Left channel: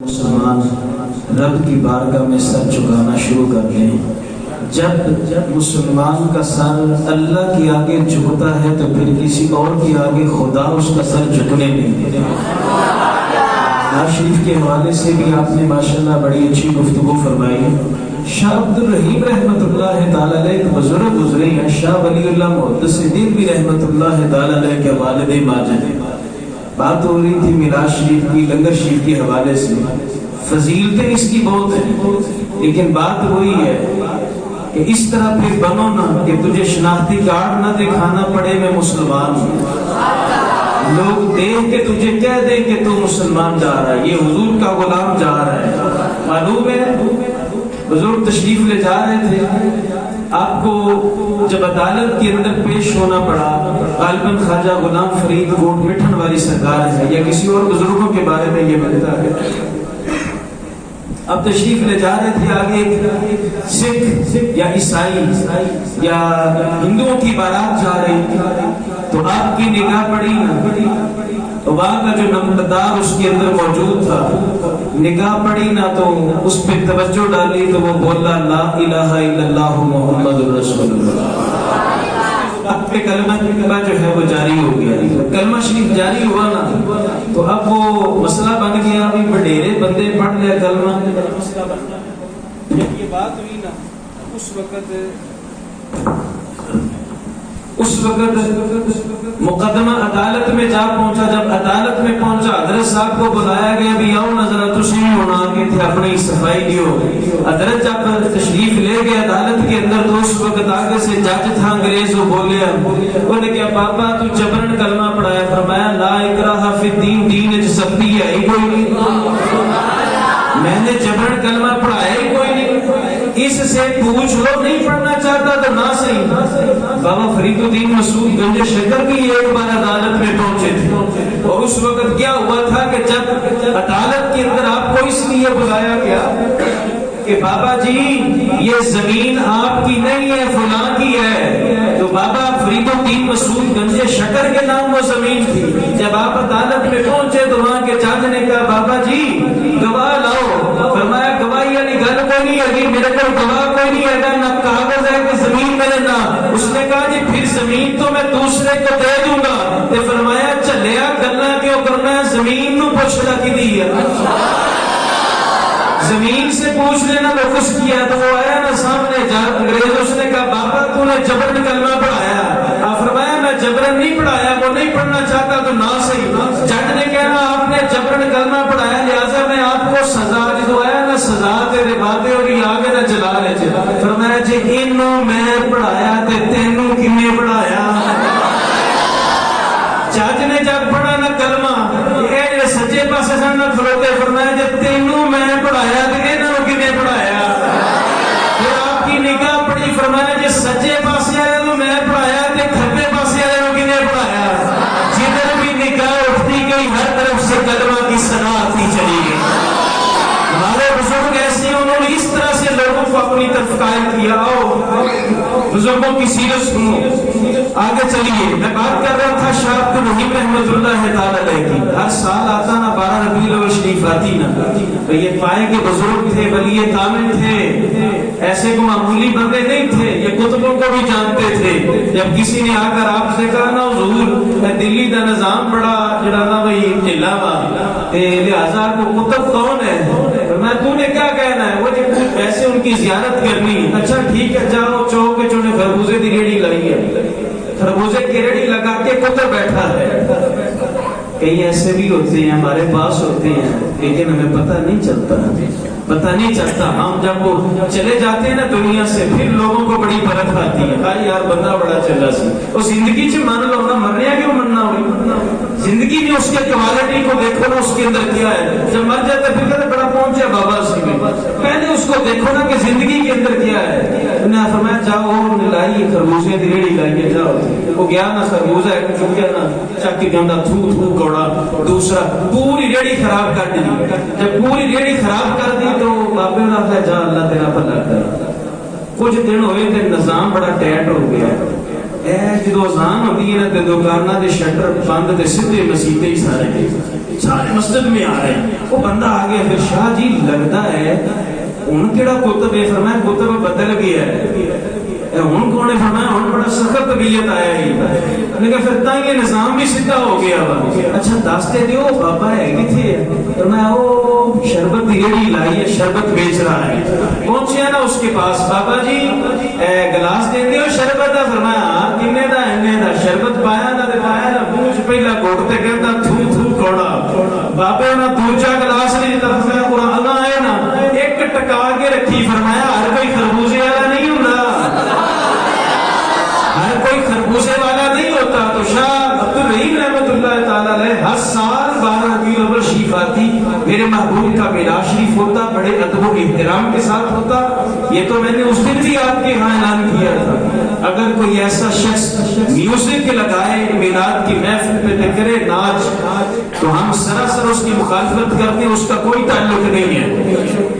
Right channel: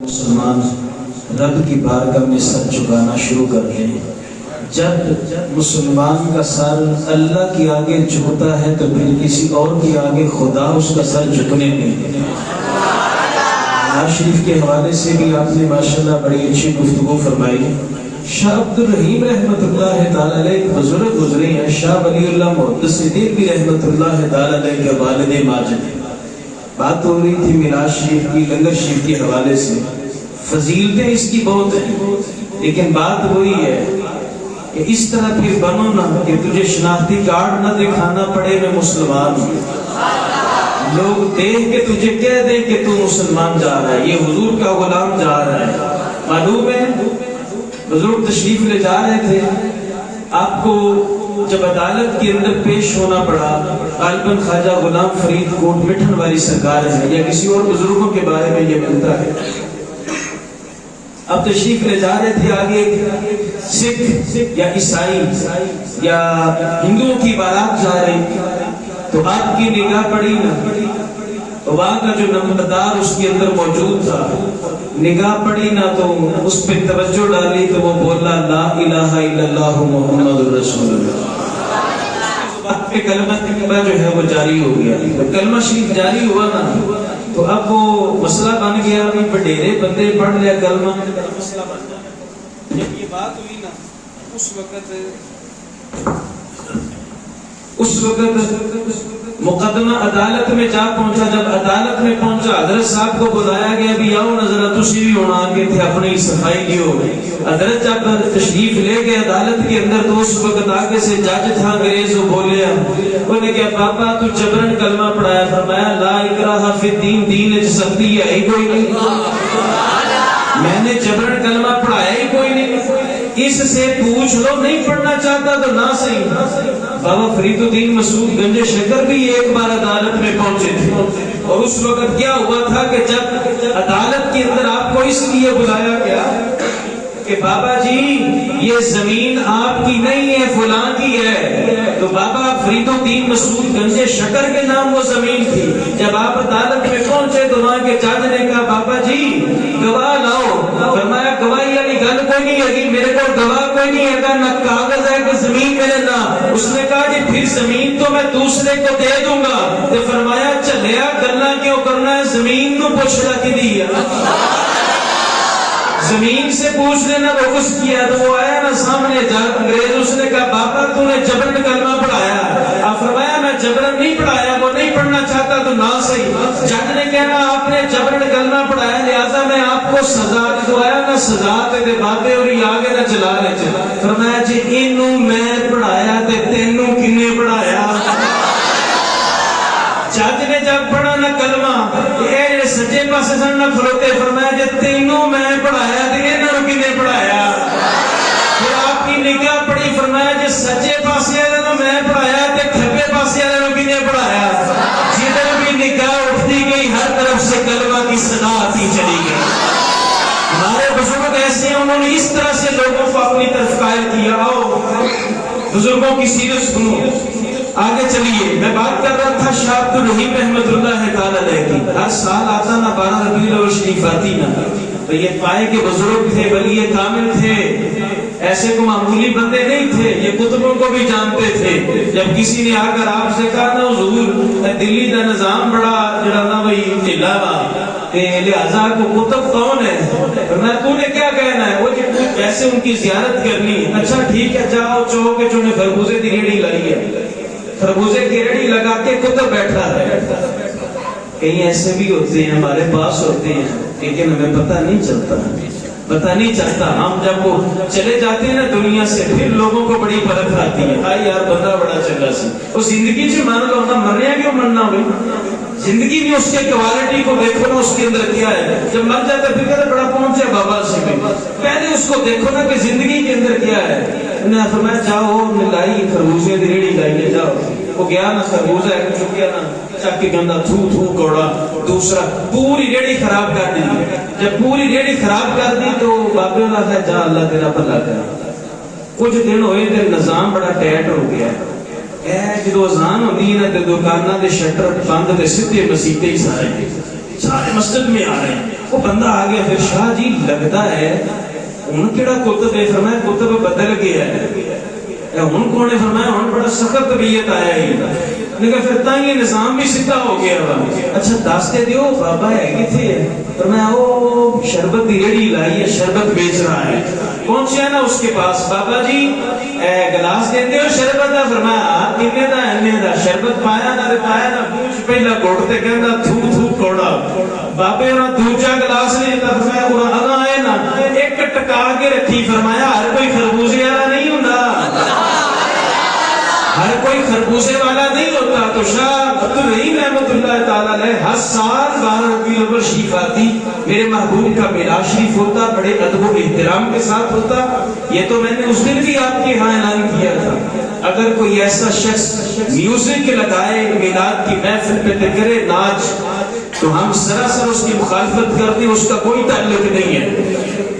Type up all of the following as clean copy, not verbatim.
مسلمان رب کی بارگاہ میں سر جھکانا شروع کر دیں۔ جب مسلمان کا سر اللہ کی آگے جھکتا ہے تو پھر کسی اور کی آگے خدا اس کا سر جھکنے نہیں دیتا۔ نواز شریف کے حوالے سے بھی آپ نے ماشاءاللہ بڑی اچھی گفتگو فرمائی۔ شاہ عبد الرحیم رحمۃ اللہ تعالی علیہ ایک بزرگ گزرے ہیں، شاہ ولی اللہ محدث بھی رحمۃ اللہ تعالی علیہ کے والد ماجد۔ بات ہو رہی تھی میراث شریف کی، لنگر شریف کے حوالے سے۔ فضیلتیں اس کی بہت ہیں، لیکن بات وہی ہے کہ اس طرح پھر بنو نہ کہ تجھے شناختی کارڈ نہ دکھانا پڑے میں مسلمان ہوں، لوگ دیکھ کے تجھے کہہ دیں کہ تو مسلمان جا رہا ہے، یہ حضور کا غلام جا رہا ہے۔ معلوم ہے بزرگ تشریف لے جا رہے تھے، آپ کو جب عدالت کے اندر پیش ہونا پڑا، غالباً خواجہ غلام فرید کوٹ مٹھن والی سرکار ہے یا کسی اور بزرگوں کے بارے میں یہ ملتا ہے۔ اب تشریف لے جا رہے تھے، آگے سکھ یا عیسائی یا ہندوؤں کی بارات جا رہی، تو آپ کی نگاہ پڑی نا، تو وہاں کا جو نمبردار اس کے اندر موجود تھا، نگاہ پڑی نا تو اس پہ توجہ ڈالی تو وہ بولا لا الہ الا اللہ محمد رسول اللہ۔ کلمہ جو ہے وہ جاری ہو گیا، کلمہ شریف جاری ہوا نا تو اب وہ مسئلہ بن گیا، ابھی بڑھیرے بندے پڑھ لیا کلمہ، بڑا مسئلہ بن جاتا۔ جب یہ بات ہوئی نا اس وقت مقدمہ عدالت میں جا پہنچا۔ جب عدالت میں پہنچا حضرت صاحب کو بلایا گیا، بھی آؤ نظر تشریف بنوا کے تھے، اپنی صفائی دیو۔ حضرت جب تشریف لے گئے عدالت کے اندر تو اس وقت آگے سے جج تھا انگریز، وہ بولے، انہوں نے کہا پاپا تو جبرن کلمہ پڑھایا، فرمایا لا اکراہ فی الدین، دین وچ سختی ہے ہی کوئی نہیں، میں نے جبرن کلمہ پڑھایا ہی کوئی نہیں، اس سے پوچھ لو، نہیں پڑھنا چاہتا تو نہ صحیح۔ بابا فرید الدین مسعود گنج شکر بھی ایک بار عدالت میں پہنچے تھے، اور اس وقت کیا ہوا تھا کہ جب عدالت کے اندر آپ کو اس لیے بلایا گیا کہ بابا جی یہ زمین آپ کی نہیں ہے، فلاں کی ہے، تو بابا فرید الدین مسعود گنج شکر کے نام وہ زمین تھی۔ جب آپ عدالت میں پہنچے تو وہاں کے جج نے کہا بابا جی گواہ لاؤ، فرمایا گواہی والی گل کوئی نہیں ہے، میرے کو گواہ کوئی نہیں ہے، نہ کاغذ ہے کہ زمین میرے نام۔ اس نے کہا جی پھر زمین تو میں دوسرے کو دے دوں گا، تو فرمایا چلیا گلا کیوں کرنا ہے، زمین نو پوچھنا کی دی ہے، زمین سے پوچھ لینا وہ کچھ کیا۔ تو وہ آیا نا سامنے جا انگریز، اس نے کہا بابا تو نے جبرن کلمہ پڑھایا، آپ فرمایا میں جبرن نہیں پڑھایا، وہ نہیں پڑھنا چاہتا تو نہ صحیح۔ جج نے کہا آپ نے جبرن کلمہ پڑھایا، لہٰذا میں آپ کو سزا جو آیا نا سزا دے باتیں اور یہ آگے نہ چلا لے۔ فرمایا جی انہوں میں پڑھایا تے تینوں کنے پڑھایا۔ جج نے جب پڑھا نا کلمہ، یہ سجے پاسے سن نہ کھلوتے، فرمایا جی تینوں میں پڑھایا تے انہوں کنے پڑھایا۔ پھر آپ کی نگاہ پڑی، فرمایا جی سجے پاسے والے نو میں پڑھایا تے کھبے پاسے والے نو کنے پڑھایا۔ جدھر بھی نگاہ اٹھتی گئی ہر طرف سے کلمہ کی صدا آتی چلی گئی۔ ہمارے بزرگ ایسے ہیں، انہوں نے اس طرح سے لوگوں کو اپنی طرف قائل کیا۔ آؤ بزرگوں کی سیرت سنو، آگے چلیے۔ میں بات کر رہا تھا شاہ عبد الرحیم رحمۃ اللہ تعالی علیہ کی، ہر سال آتا نا 12 ربیع الاول شریف آتی نا، تو یہ پائے کے بزرگ تھے، ولی کامل تھے، ایسے کو معمولی بندے نہیں تھے، یہ کتبوں کو بھی جانتے تھے۔ جب کسی نے آ کر آپ سے کہا نا حضور دلی کا نظام بڑا جڑا نا بھائی ڈھیلا وا، لہٰذا کو کتب کون ہے، نہ تو نے کیا کہنا ہے، وہ ویسے ان کی زیارت کرنی، اچھا ٹھیک ہے جاؤ چوک کے چونے خربوزے کی ریڑھی لائی ہے، خربوزے کی ریڑھی لگا کے کتب بیٹھا ہے۔ کئی ایسے بھی ہوتے ہیں ہمارے پاس ہوتے ہیں، لیکن ہمیں پتہ نہیں چلتا، ہم جب وہ چلے جاتے ہیں نا دنیا سے پھر لوگوں کو بڑی برکت آتی ہے، ہاں یار بندہ بڑا چلا سی، وہ زندگی سے مان لو نا، مرنے کیوں مرنا ہوئی، زندگی میں اس کے کوالٹی کو دیکھو نا، اس کے اندر کیا ہے، جب مر جاتے پھر کہتے بڑا پہنچے بابا سی، پہلے اس کو دیکھو نا کہ زندگی کے اندر کیا ہے۔ انہیں فرمایا جاؤ لائی خربوزے کی ریڑھی لائیے، جاؤ، وہ گیا نا خربوزہ چکیا نا چک کے گندا تھو کوڑا، دوسرا پوری ریڑھی خراب کر دی۔ جب پوری ریڑھی خراب کر دی تو بابے نے کہا جا اللہ تیرا بھلا کرے۔ کچھ دن ہوئے تے نظام بڑا ٹائٹ ہو گیا، جدو اذان ہوتی ہے نا تو دکانوں کے شٹر بند تے سیدھے مسیتے ہی سارے مسجد میں آ رہے ہیں. وہ بندہ آ گیا پھر شاہ جی لگتا ہے ہوں کہڑا کتب ہے؟ فرمایا کتب بدل گیا ہے. ہوں کون ہے؟ فرمایا ہوں بڑا سخت طبیعت آیا ہی لیکن پھر تا یہ نظام بھی سیدھا ہو گیا. اچھا دستے دیو بابا ہے کتنے؟ فرمایا وہ شربت کی ریڑھی لائی ہے، شربت بیچ رہا ہے. پہنچیا نا اس کے پاس، بابا جی گلاس دے دیو شربت کا. فرمایا کنے دا؟ اینے دا. شربت پایا نہ پایا نہ پوچھ پہلا گھٹ تے کہندا تھو تھو کوڑا. بابے نے دوجا گلاس نہیں دتا. فرمایا قرآن آئے نا ایک ٹکا کے رکھی. فرمایا ہر کوئی خربوزے والا نہیں ہوتا، ہر کوئی خربوزے والا نہیں ہوتا. تو شاہ عبدالرحیم رحمۃ اللہ تعالیٰ علیہ ہر سال 12 ربیع الاول شریف آتی، میرے محبوب کا میلاد شریف ہوتا، بڑے ادب و احترام کے ساتھ ہوتا. یہ تو میں نے اس دن بھی آپ کے یہاں اعلان کیا تھا. اگر کوئی ایسا شخص میوزک لگائے میلاد کی محفل پہ کرے ناچ تو ہم سراسر اس کی مخالفت کرتے ہیں، اس کا کوئی تعلق نہیں ہے.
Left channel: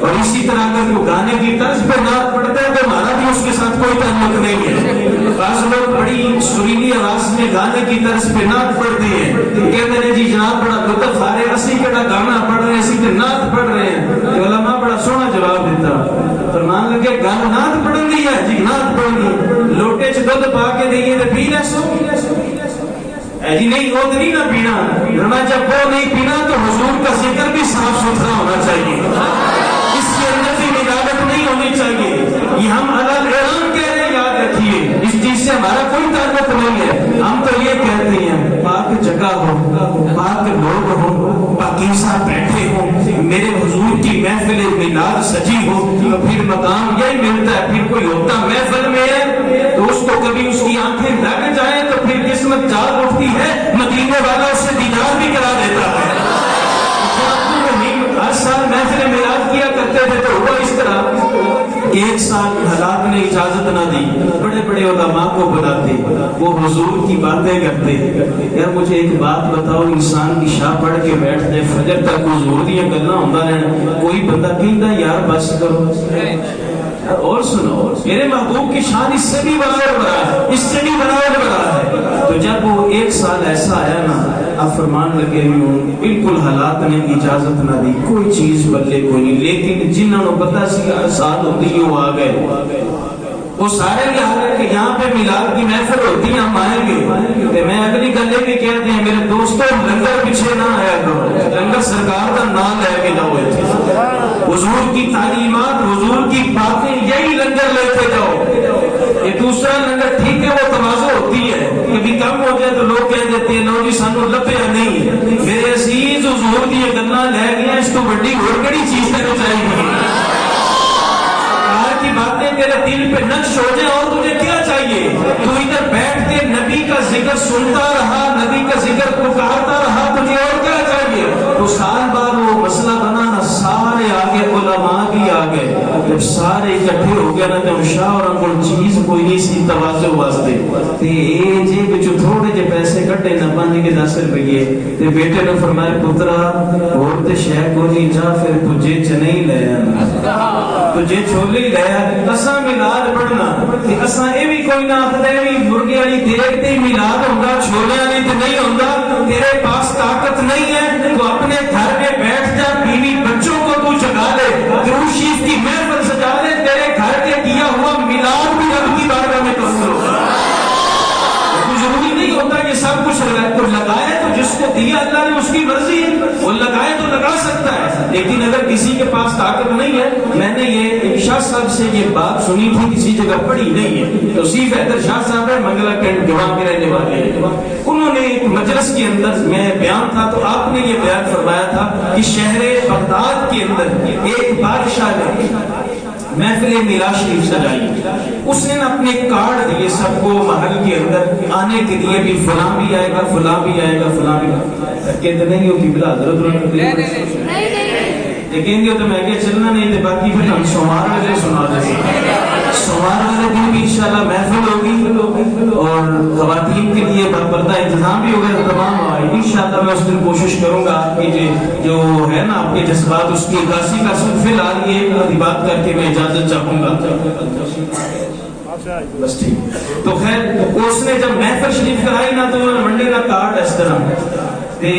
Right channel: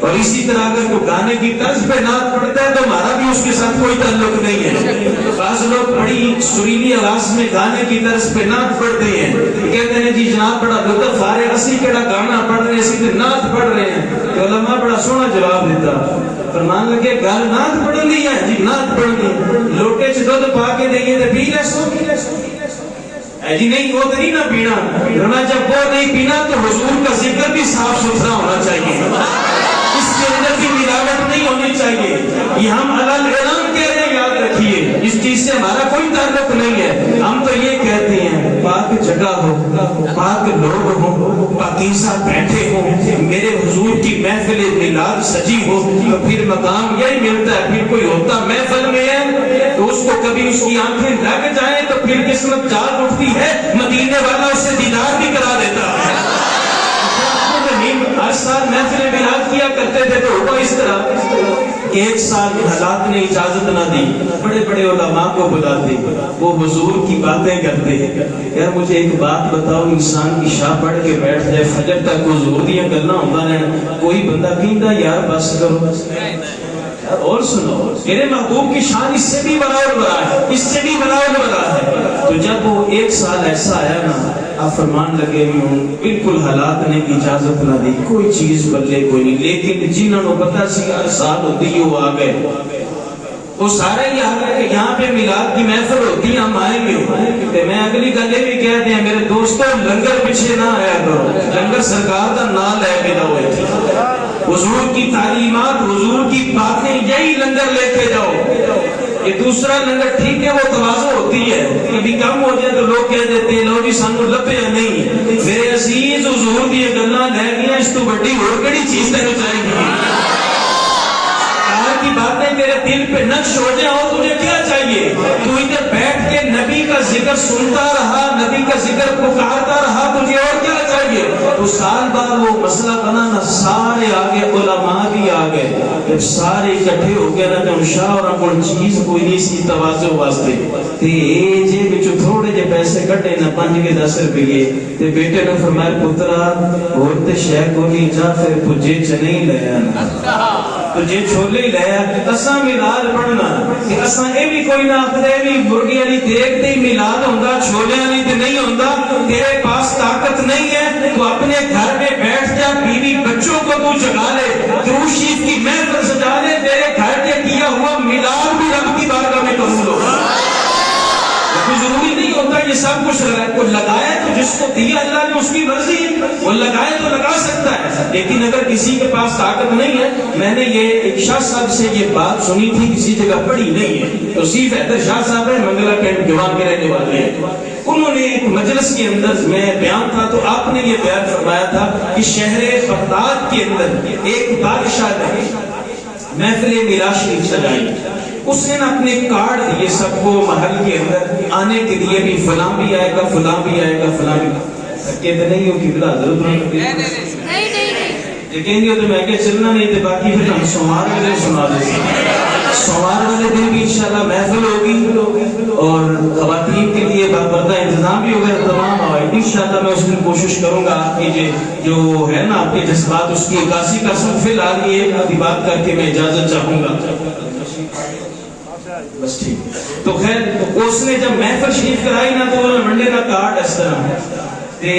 اور اسی طرح اگر کوئی گانے کی طرز پہ نعت پڑھتا ہے تو ہمارا بھی اس کے ساتھ کوئی تعلق نہیں ہے. بعض لوگ بڑی سریلی آواز میں گانے کی طرز پہ نعت پڑھتے ہیں، کہتے ہیں جی جناب بڑا لطف آ رہا ہے، اسی کہڑا گانا پڑھ رہے ہیں، اسی تے نعت پڑھ رہے ہیں. تو علماء بڑا سونا جواب دیتا. فرمان لگے گل نعت پڑھن دی ہے جی، نعت پڑھن دی. لوٹے چ دودھ پا کے دئیے تو پی لے سو جی، نہیں وہ تو نہیں نہ پینا. فرمایا جب وہ نہیں پینا تو حضور کا ذکر بھی صاف ستھرا ہونا چاہیے، اس کے اندر بھی ملاوٹ نہیں ہونی چاہیے. یہ ہم الگ اعلان کہہ رہے ہیں، یاد رکھیے اس چیز سے ہمارا کوئی تعلق نہیں ہے. ہم تو یہ کہتے ہیں پاک جگہ ہو، پاک لوگ ہوں، پاکیزہ بیٹھے ہوں، میرے حضور کی محفل میلاد سجی ہو تو پھر مقام یہی ملتا ہے. پھر کوئی ہوتا محفل میں ہے تو اس کو کبھی اس کی آنکھیں لگ جائیں تو پھر قسمت جاگ اٹھتی ہے، مدینے والا اسے دیدار بھی کرا دیتا ہے. ہر سال محفل میلاد کیا کرتے تھے تو وہ اس طرح ایک سال حالات نے اجازت نہ دی، بڑے بڑے علماء کو بلاتے، وہ حضور کی باتیں کرتے. یار مجھے ایک بات بتاؤ، انسان کی شاہ پڑھ کے بیٹھ جائے فجر تک حضور دیا گلاں ہوندا رہنا، کوئی بندہ کہندا یار بس کرو. اور سنو میرے محبوب کی شان اس سے بھی بڑا ہے، اس سے بھی بڑا ہے. تو جب وہ ایک سال ایسا آیا نا، آپ فرمان لگے ہوں بالکل حالات نے اجازت نہ دی، کوئی چیز بدلے کوئی نہیں. لیکن جنہوں نے پتا سی ہر سال ہوتی ہے وہ آ گئے. وہ سارے یہ آ گئے کہ یہاں پہ میلاد کی محفل ہوتی ہے، ہم آئیں گے. میں اگلی گل یہ بھی کہتے ہیں میرے دوستوں، لنگر پیچھے نہ آیا کرو، لنگر سرکار کا نام لے کے جاؤ. حضور کی تعلیمات، حضور کی باتیں، یہی لنگر لے کے جاؤ. یہ دوسرا لنگر ٹھیک ہے وہ تواضع ہوتی ہے، کبھی کم ہو جائے تو لوگ کہہ دیتے ہیں لو جی سانو لبیا نہیں. میرے عزیز حضور کی گلاں لے گیا، اس تو بڑی اور کیڑی چیز تینوں چاہیے؟ کی باتیں تیرے دل پہ نقش ہو جائے اور تجھے کیا چاہیے؟ تو ادھر بیٹھ کے نبی کا ذکر سنتا رہا، نبی کا ذکر پکارتا رہا، تجھے اور کیا چاہیے؟ تو سال بعد وہ مسئلہ بنا نا، سارے آگے علماء بھی آ گئے. جب سارے اکٹھے ہو گیا نا کہ شاہ اور کوئی چیز کوئی نہیں سی تواضع واسطے تے جے وچوں تھوڑے جے پیسے کٹے نا 5 کے 10 روپے تے بیٹے نے فرمایا پترا اور تے شے کو نہیں جا پھر تجھے چ نہیں لے تجھے چھولے لے اساں میلاد پڑھنا تے اساں اے بھی کوئی نہ آکھدے بھی مرغی والی دیگ تے میلاد ہوندا، چھولے والی تے نہیں ہوندا. تیرے پاس طاقت نہیں ہے تو اپنے گھر میں بیٹھ جا، بیوی بچوں کو تو جگا لے، درود شریف کی محفل سجا لے، تیرے گھر کے کیا ہوا میلاد بھی رب کی بارگاہ میں قبول ہوگا. ضروری نہیں ہوتا یہ سب کچھ لگائے تو جس کو دیا اللہ نے اس کی مرضی ہے، وہ لگائے تو لگا سکتا ہے. لیکن اگر کسی کے پاس طاقت نہیں ہے، میں نے یہ ایک شاہ صاحب سے یہ بات سنی تھی، کسی جگہ پڑھی نہیں ہے، توصیف حیدر شاہ صاحب ہے، منگلا پنڈ گوا کے رہنے والے ہیں. انہوں نے ایک مجلس کے اندر میں بیان تھا تو آپ نے یہ بیان فرمایا تھا کہ شہر بغداد کے اندر ایک بادشاہ نے محفل میلاد شریف سجائی. اس نے اپنے کارڈ دیے سب کو محل کے اندر آنے کے لیے، بھی فلاں بھی آئے گا، فلاں بھی آئے گا، فلاں بھی کہتے نہیں ہو کہ بلا حضرت دیکھیں گے تو میں کہ چلنا نہیں تھے. باقی پھر ہم سوموار والے سنا دیتے ہیں، سوموار والے دن بھی انشاءاللہ محفل ہوگی اور خواتین کے لیے باپردہ انتظام بھی ہوگا. تمام انشاءاللہ میں اس دن کوشش کروں گا کہ جو ہے نا آپ کے جذبات اس کی عکاسی کا سب. فی الحال یہ ایک آدھی بات کر کے میں اجازت چاہوں گا. بس ٹھیک. تو خیر اس نے جب محفل شریف کرائی نا تو وہ منڈے کا کارڈ اس طرح تے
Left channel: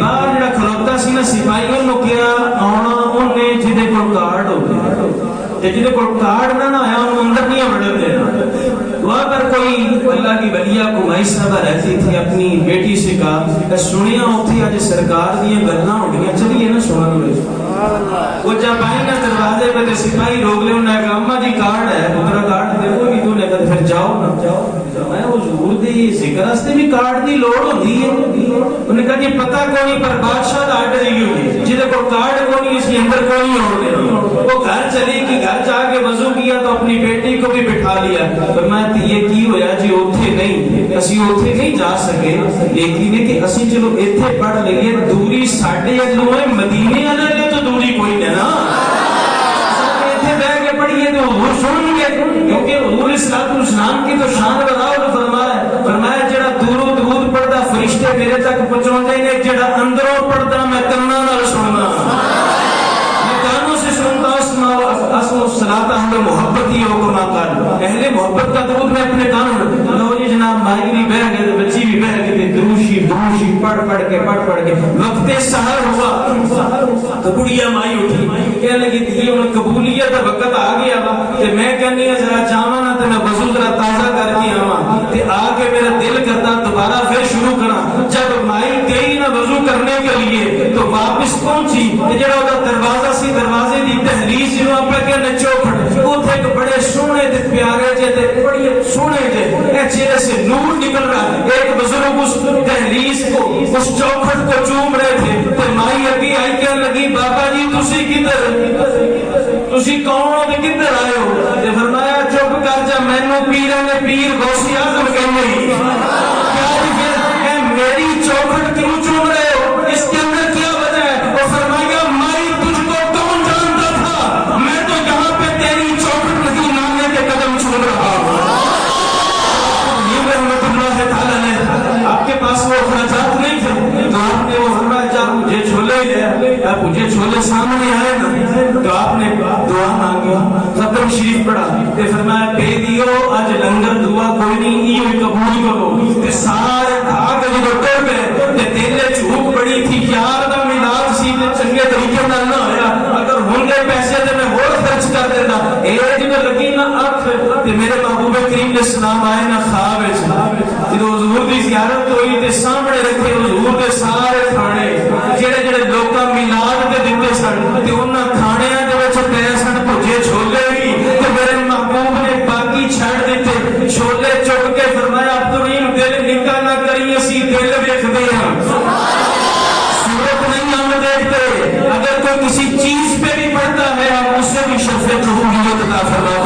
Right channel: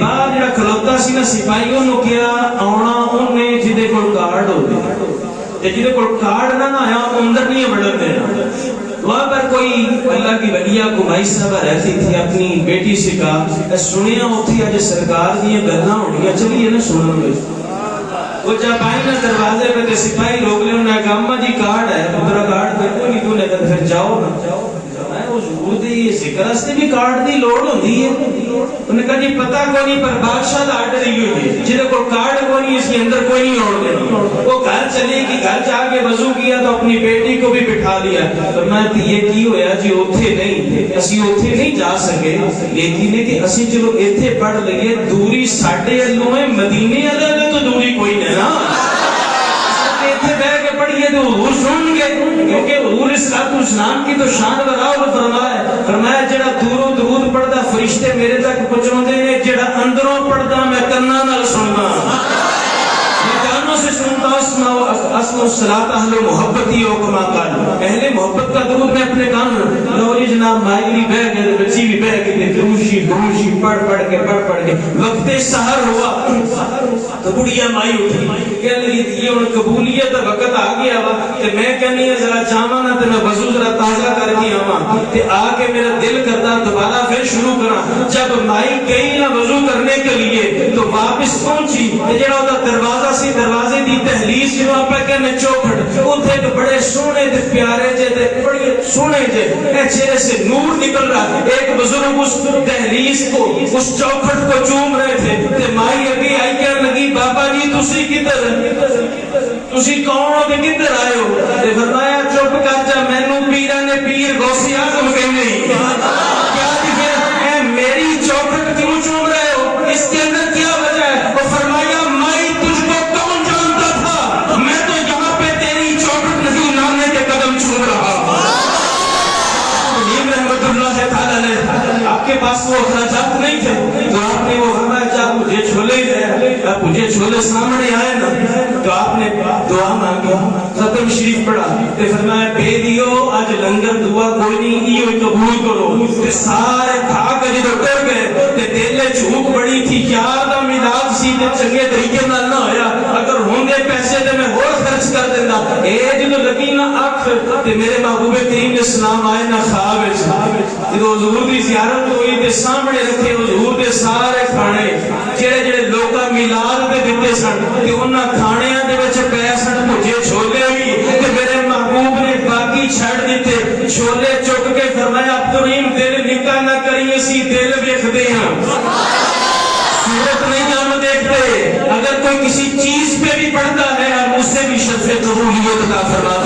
باہر جڑا کھلوتا سی نا سپاہی انہوں کیا آنا انہیں جہدے کول کارڈ ہوتے جہدے کول کارڈ نہ آیا اندر نہیں بڑھن دینا. وہاں پر کوئی اللہ کی ولیہ کمائی صاحبہ رہتی تھی, اپنی بیٹی سے کہا سنیا ہوتی آج سرکار دیا گلنا ہونیا چلیے نا سنن لے. وہ جب آئی نا دروازے پہ سپاہی روک لے انہوں نے کہا اما جی کارڈ ہے پترا کارڈ دیکھو گی تو نے کہا پھر جاؤ نا جاؤ. میں حضور دی ذکر واسطے بھی کارڈ دی لوڑ ہوندی ہے. انہوں نے کہا جی پتہ کوئی نہیں پر بادشاہ دا آرڈر ہی ہوئی جہاں کو کارڈ کوئی نہیں اس کے اندر کوئی نہیں ہوڑ دینا. وہ گھر چلی گئی, گھر جا کے وضو کیا تو اپنی بیٹی کو بھی بٹھا لیا. فرمایا یہ کی ہویا جی اوتھے نہیں اسی اوتھے نہیں جا سکے لیکن ہے کہ اسی چلو ایتھے پڑھ لئیے دوری ساڈے ادوں ہے مدینے والے تو دوری کوئی نہیں نا. ایتھے بیٹھ کے پڑھیے تو حضور سن گے کیونکہ حضور اسلام کی تو شان بڑھاؤ. فرمایا جڑا دوروں درود پڑھدا فرشتے میرے تک پہنچاندے نے, جڑا اندروں پڑھدا میں کنا نال سننا میں کانوں سے سنتا اسماء الصلاۃ اہل محبت ہی ہو کما قال اہل محبت کا درود میں اپنے کانوں لو جی جناب مائی بھی بہ گئے بچی بھی بہ گئی دروشی پڑھ کے وقت سحر ہوا تو بڑھیا مائی اٹھی کہنے لگی یہ ہن قبولیت دا وقت آ گیا وا تے میں کہنی ہے ذرا چاہواں نا تے میں وضو ذرا تازہ کر کے آواں تے آ کے میرا دل کرتا دوبارہ پھر شروع کراں. جب مائی گئی نا وضو کرنے کے لیے تو واپس پہنچی تے جڑا دا دروازہ سی دروازے دی دہلیز جو آپ کے نے چوکھٹ اوتھے ایک بڑے سونے تے پیارے جے تے بڑے سونے جے اے چہرے سے نور نکل رہا. ایک بزرگ اس دہلیز کو اس چوکھٹ کو چوم رہے تھے تے مائی اگے آئی کہنے لگی بابا جی تسی کدھر تسی کون ہو تے کدھر آئے ہو. تے فرمایا چپ کر جا مینوں پیراں نے پیر غوث اعظم کہندے کیا جی پھر اے میری چوکھٹ کیوں چوم رہے ہو اس کے اندر کیا وجہ ہے. وہ فرمایا میں تجھ کو کون جانتا تھا میں تو یہاں پہ تیری چوکھٹ نہیں ماننے کے قدم چوم رہا ہوں. یہ رحمت اللہ تعالی نے آپ کے پاس وہ اخراجات نہیں تھے تو آپ نے وہ فرمایا جا مجھے چھولے دے مجھے چھولے سامنے آئے نا تو آپ نے دعا مانگی ختم شریف پڑھا تے فرمایا بے دیو آج لنگر دعا کوئی نہیں یہ قبول کرو. تے سارے کھا کے جو ٹر گئے تے دل جھوک بڑی تھی یار دا میلاد سی تے چنگے طریقے نال نہ ہویا اگر ہوندے پیسے تے میں ہور خرچ کر دیندا. اے جو لگی نا اکھ تے میرے محبوب کریم نے سلام آئے نا خواب وچ جدوں حضور دی زیارت ہوئی تے سامنے رکھے حضور دے سارے کھانے جڑے جڑے لوکاں میلاد تے دتے سن تے انہاں کھانیاں دے وچ پے سن بھجے چھولے بھی تے میرے محبوب نے باقی چھڑ دتے چھولے چک کے فرمایا عبدالرحیم دل نکا نہ کری اسی دل ویکھدے ہاں صورت نہیں ہم دیکھتے. اگر کوئی کسی چیز پہ بھی پڑتا ہے ہم اس سے بھی شرف قبولیت عطا فرما